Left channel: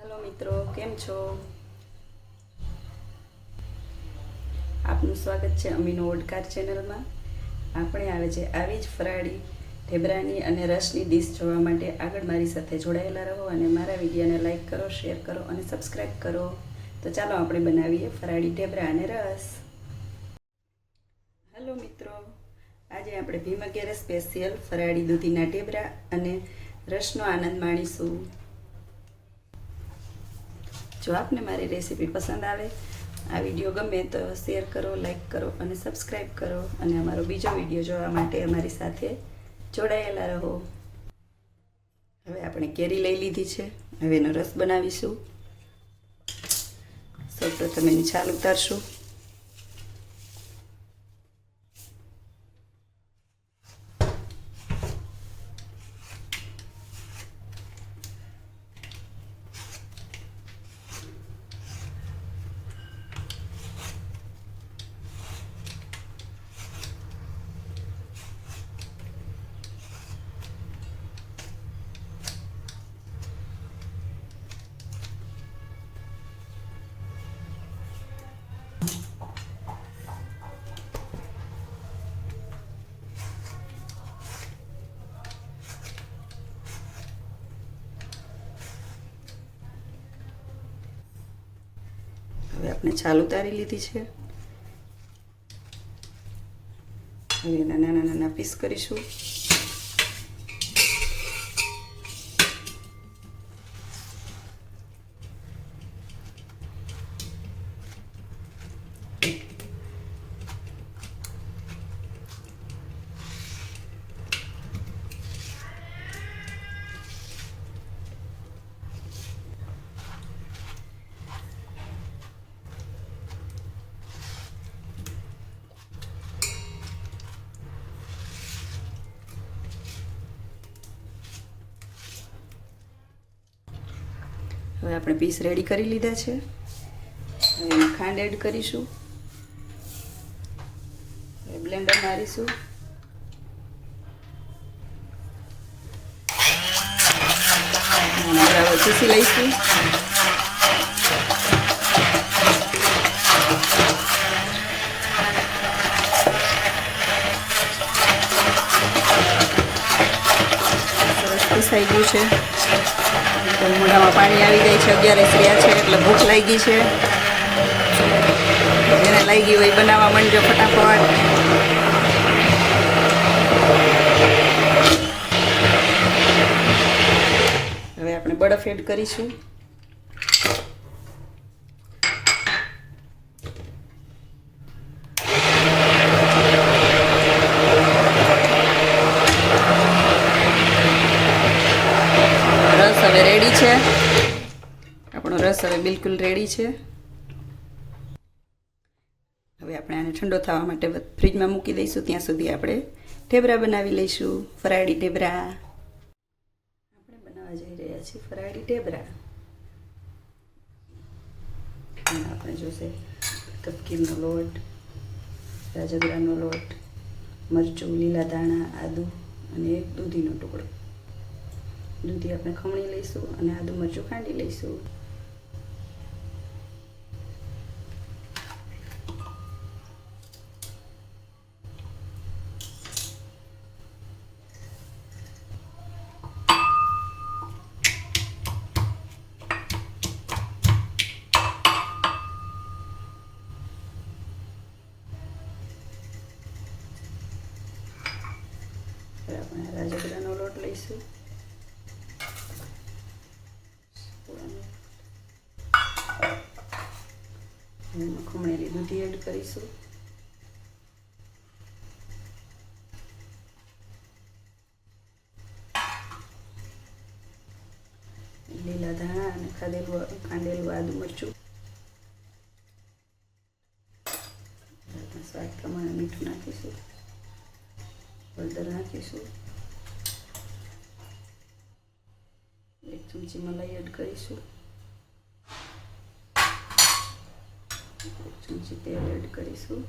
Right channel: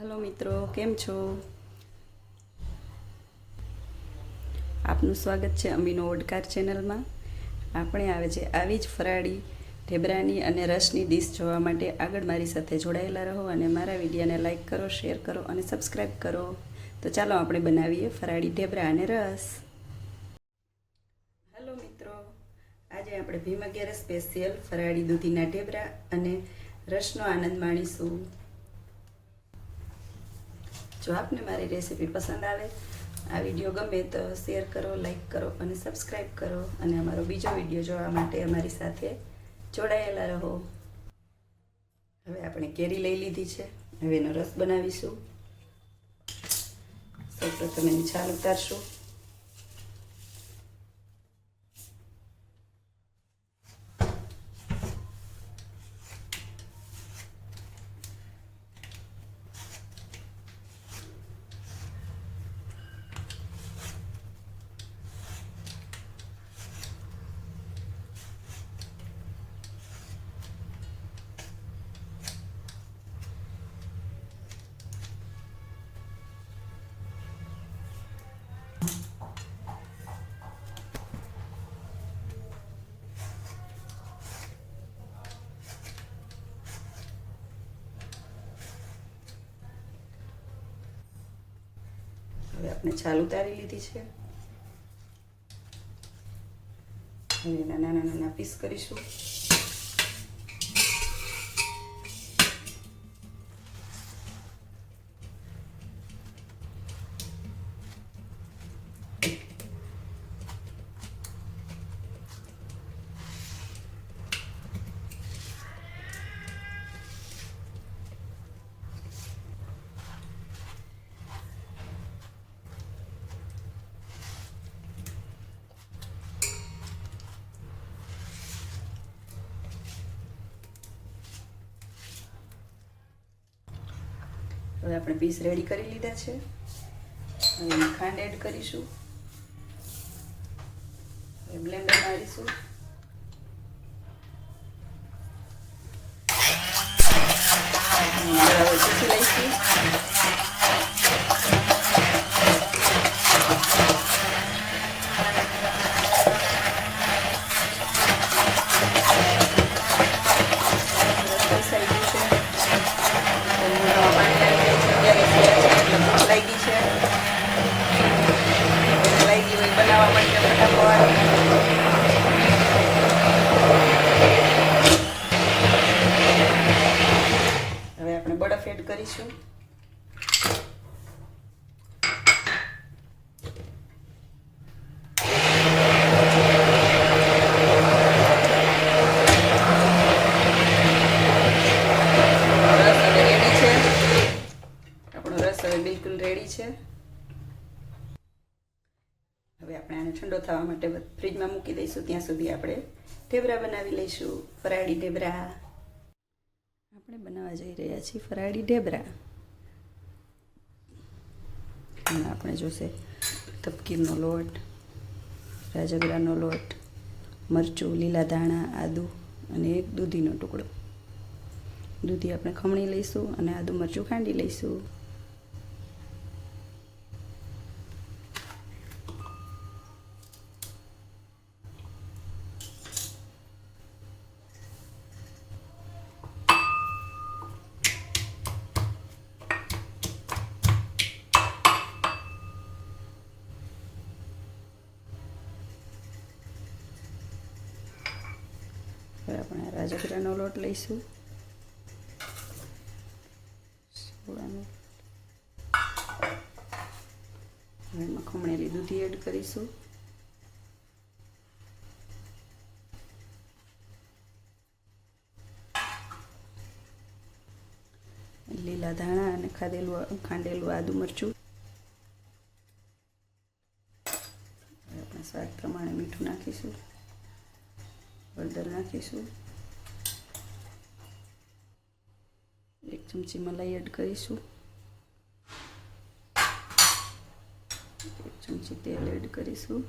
Hello મિત્રો. કેમ છો? આપનું સ્વાગત છે અમીનો ઓડકાર ચેનલમાં. આપણે આવે છે આવી જ ફરાળી, ઢેબરાની અને રસની ડીશ જોવા માટે આગળ મારી સાથે જોડાયેલા રહો અને મારા વિડીયોને લાઈક કરો, શેર કરો અને સબસ્ક્રાઈબ કરો. તો ચાલો આપણે બનાવીએ ફરાળી ઢેબરા અને રસ. હેલો મિત્રો. આજે આપણે ભીમ અગિયાર સ્પેશિયલ ફરાળી દૂધીના ઢેબરા અને રસનો આનંદ માણીશું. જો આપને મારી રેસીપી પસંદ આવે, આ વીડિયો ગમે તો શેર કરો લાઈક કરો અને સબસ્ક્રાઈબ કરો અને અમારો બીજો વીડિયો જોવા માટે અમારી સાથે જોડાયેલા રહો. હવે આપણે કેરી લઈ લીધી છે. હવે એનો રસ બનાવીશું. સૌપ્રથમ એની છાલ ઉતારશું. હવે આપણે છાલ ઉતારી લીધી છે. હવે એના નાના નાના પીસ કરીશું. હવે આપણે પીસ રેડી કરી લીધા છે. હવે ખાંડ એડ કરીશું. બ્લેન્ડર મારીશું. ચૂસી લઈશું. થઈ ગયું છે. પાણી આવી જાય છે અગિયાર થયા છે, એટલે ભૂખ લાગી છે. જેને લાગી હોય બનાવવા માંડજો ફટાફટ. હવે આપણે બરફ એડ કરીશું રસ હવે રેડી છે આપણો રસ હવે બિલકુલ રેડી છે. હવે આપણે આને ઠંડો થવા માટે ફ્રીજમાં મૂકી દઈશું, ત્યાં સુધી આપણે ઢેબરા બનાવી લઈશું, ફરાળી ઢેબરા. આપણે બનાવવા જઈ રહ્યા છીએ ફરાળી ઢેબરા. આપણે જોશે તપકીરનો લોટ, રાજગરાનો લોટ, મરચું, લીલા ધાણા, આદુ અને એક દૂધીનો ટુકડો. દૂધી આપણે ખમણી લઈશું અને આદુ મરચું ખાંડી લઈશું. હવે આપણે રાજગીરાનો લોટ લઈશું. ખમણેલી દૂધી એડ કરીશું. લીલા ધાણા અને ખાધેલું ખાંડેલું આદુ મરચું. સ્વાદ પ્રમાણે મીઠું નાખીશું. બધું રાખીશું એક ચમચી મલાઈ એડ કરીશું એક ચમચી તેલ એડ કરીશું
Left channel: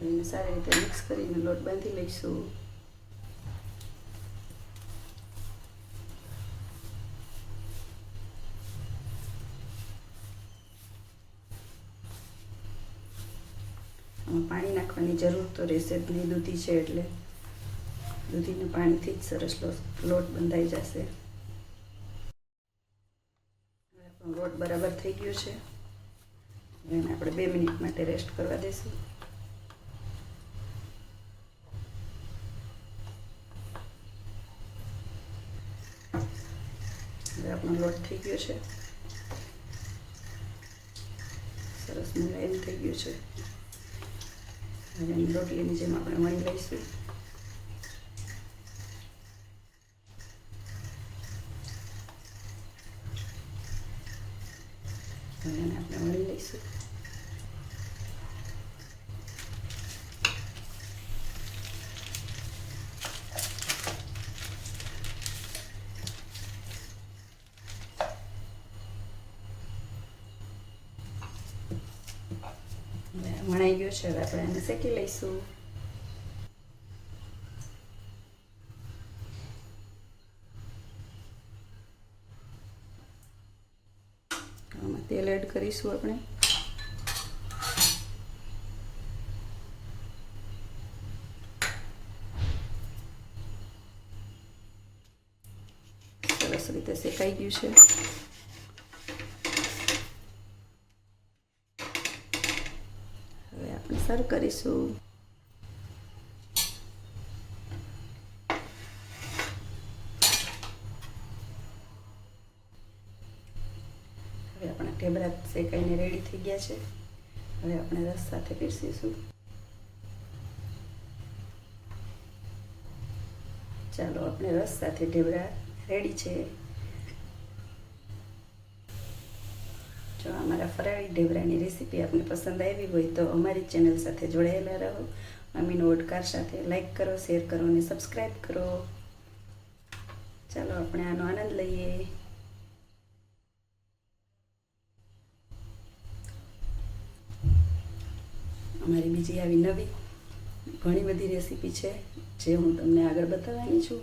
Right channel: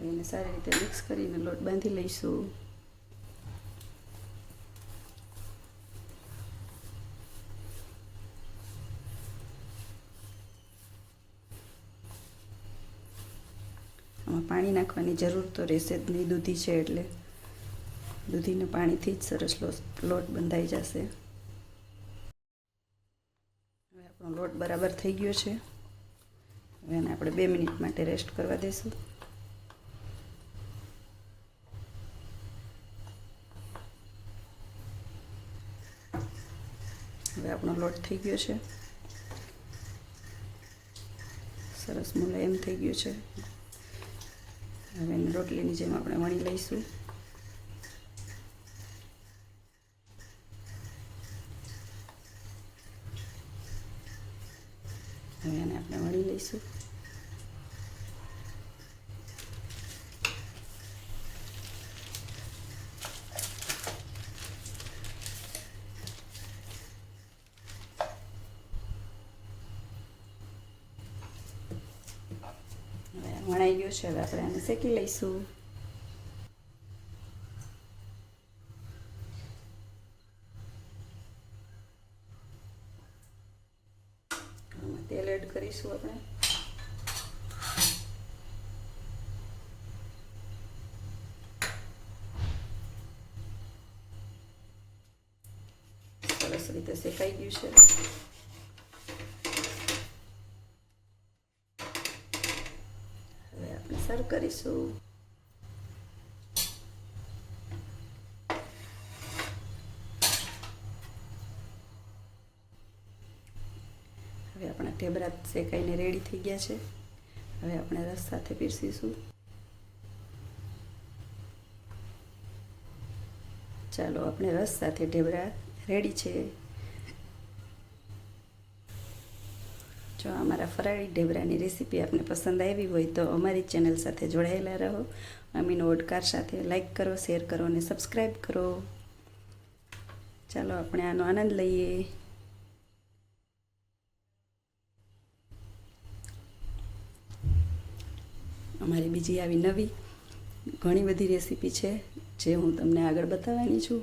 એને સારી રીતે મિક્સ કરીને લોટ બાંધી લઈશું પાણી નાખવાની જરૂર તો રહેશે જ નહીં દૂધી છે એટલે. દૂધીને પાણીથી જ સરસ લોટ બંધાઈ જશે. હવે આપણો લોટ બરાબર થઈ ગયો છે. હવે એને આપણે બે મિનિટ માટે રેસ્ટ કરવા દઈશું હવે આપણો લોટ થઈ ગયો છે. સરસ મુલાયમ થઈ ગયું છે. હવે રોટલીની જેમ આપણે વણી લઈશું. એને આપણે વણી લઈશું વણાઈ ગયો છે હવે આપણે એને શેકી લઈશું. તેલ એડ કરીશું આપણે. સરસ રીતે શેકાઈ ગયું છે. હવે આપણે સર્વ કરીશું. શેકાઈને રેડી થઈ ગયા છે. હવે આપણે રસ સાથે પીરસીશું. ચાલો, આપણે રસ સાથે ઢેબરા રેડી છે. જો અમારા ફરાળી ઢેબરાની રેસીપી આપને પસંદ આવી હોય તો અમારી ચેનલ સાથે જોડાયેલા રહો. અમીનો ઓડકાર સાથે લાઈક કરો શેર કરો અને સબસ્ક્રાઈબ કરો. ચાલો, આપણે આનો આનંદ લઈએ. અમારી બીજી આવી નવી ઘણી બધી રેસીપી છે જે હું તમને આગળ બતાવવાની છું.